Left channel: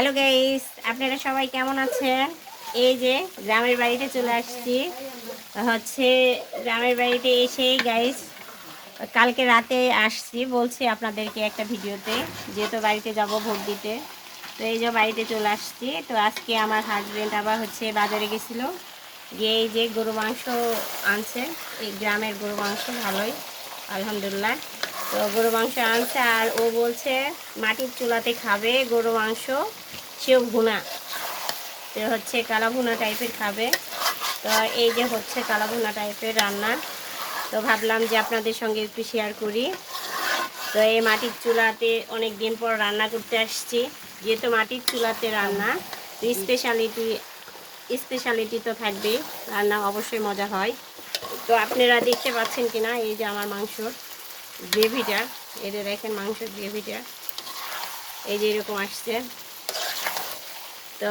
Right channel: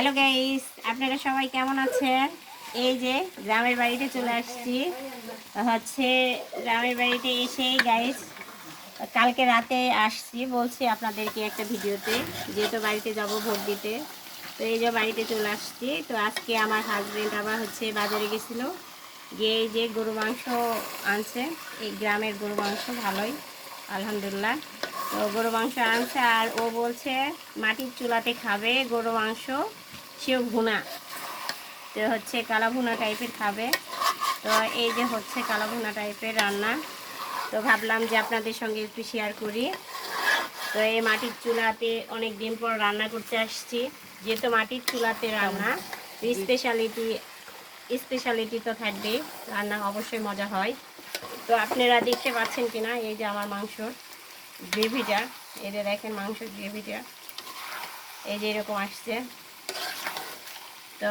Hello guys, আপনারা সবাই কেমন আছেন? এই যে গ্রামের বাড়িতে চলে আসছি। গ্রামের বাড়িতে এসেই গাইস কালকে রাতে আসছি, বলছি আপনাদেরকে একটা ভিডিওতে, যেহেতু বাড়িতে যাব ভোট দিতে। তো এই যে বাড়িতে চলে আসছি। তো আজকে আমার হাজবেন্ড আবার বাজারে গেছিলো, গিয়ে এই যে গরু মাংস আনছে। এই গ্রামের গরু মাংস ভালোই, আলহামদুলিল্লাহ। তো গরু মাংস আনছে আর ও বলছে মাটির চুলাতে খাবে গরু মাংস, সেও ভুনা। তো কালা ভুনা টাইপের খাবে। তো এই যে কালা ভুনা টাইপের রান্না। তো ভাবলাম যে আপনাদের সঙ্গে একটু শেয়ার করি। তো এই মাটির চুলাতে অনেক দিন পর রান্না করতে আসছি, যেহেতু মাটির চুলাতে রান্না, স্পেশালিটি তো থাকবে, রান্না অবশ্যই মজা হয়। তো আপনারা দেখতে পাচ্ছেন কিনা, এই যে আমার মাংসর গ্রেভিটা, এই যে দেখেন মাংসের গ্রেভিটা এই যে এরকম আসছে। তো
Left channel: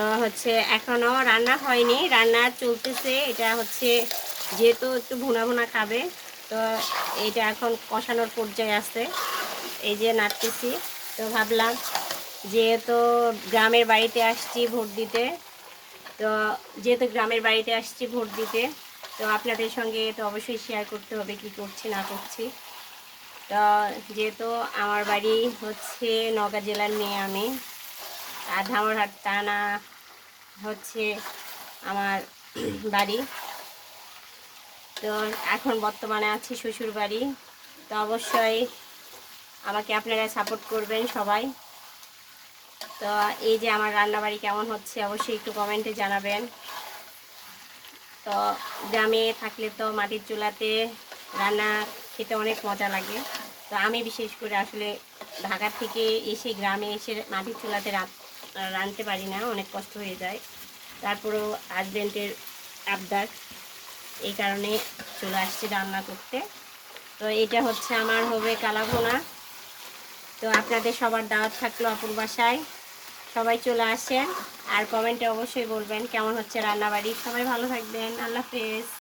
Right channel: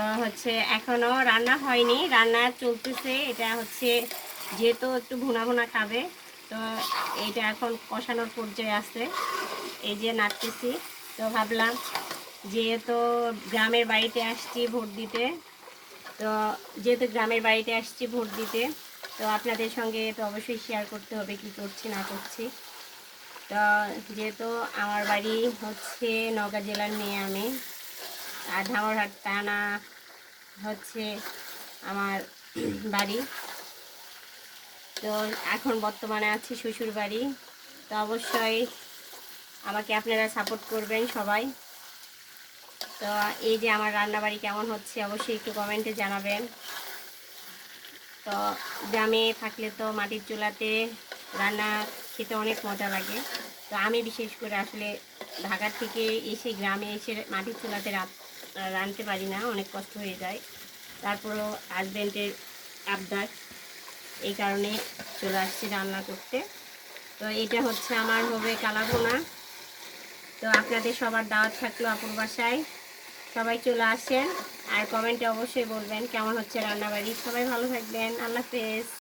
এখনো রান্না হয়নি, রান্না চলতেছে। এটা যেহেতু একটু ভুনা ভুনা খাবে, তো এইটা এখন কষানোর পর্যায়ে আছে। এই যে নাড়তেছি। তো ভাবলাম যেহেতু গ্রামের বাড়িতে আসছি ভোট দিতে, তো তো আপনাদের সঙ্গে তো অবশ্যই শেয়ার করতে হবে কি করছি না করছি। তো যেহেতু আমার বাড়ি নওগাঁ জেলার মেয়ে আমি, আর ধামরহাট থানা আমার বাড়ি। তো এখন বর্তমানে আছি শ্বশুর বাড়ি। তো অবশ্যই আমাকে আপনারা সাপোর্ট করবেন সবাই। তো এই যে আমার রান্নাবাড়ি কেমন হচ্ছে অবশ্যই একটু কমেন্টে জানাবেন। তো গ্রামে থাকলে তো মাটির চুলাতে রান্না খেতে অনেক মজা লাগে। তো আমি বিশেষ করে আসলে ঢাকা থেকে এসে গ্রামে এসে মাটির চুলাতে রাঁধতে পারি না, অনেক কষ্ট হয়ে যায়। তারপরেও হাজব্যান্ডের আবদার, এই কারণে চলে আসছি রান্না করতে। তো এটা আমার হবে কালাভুনা। তো আপনাদের সবার দাওয়াত থাকলো আপুর বাসায়, সবাই চলে আসেন। আর কমেন্টে অবশ্যই বলবেন কেমন হচ্ছে রান্নাবাড়ি। সবাই ভালো থাকবেন, আল্লাহ হাফেজ।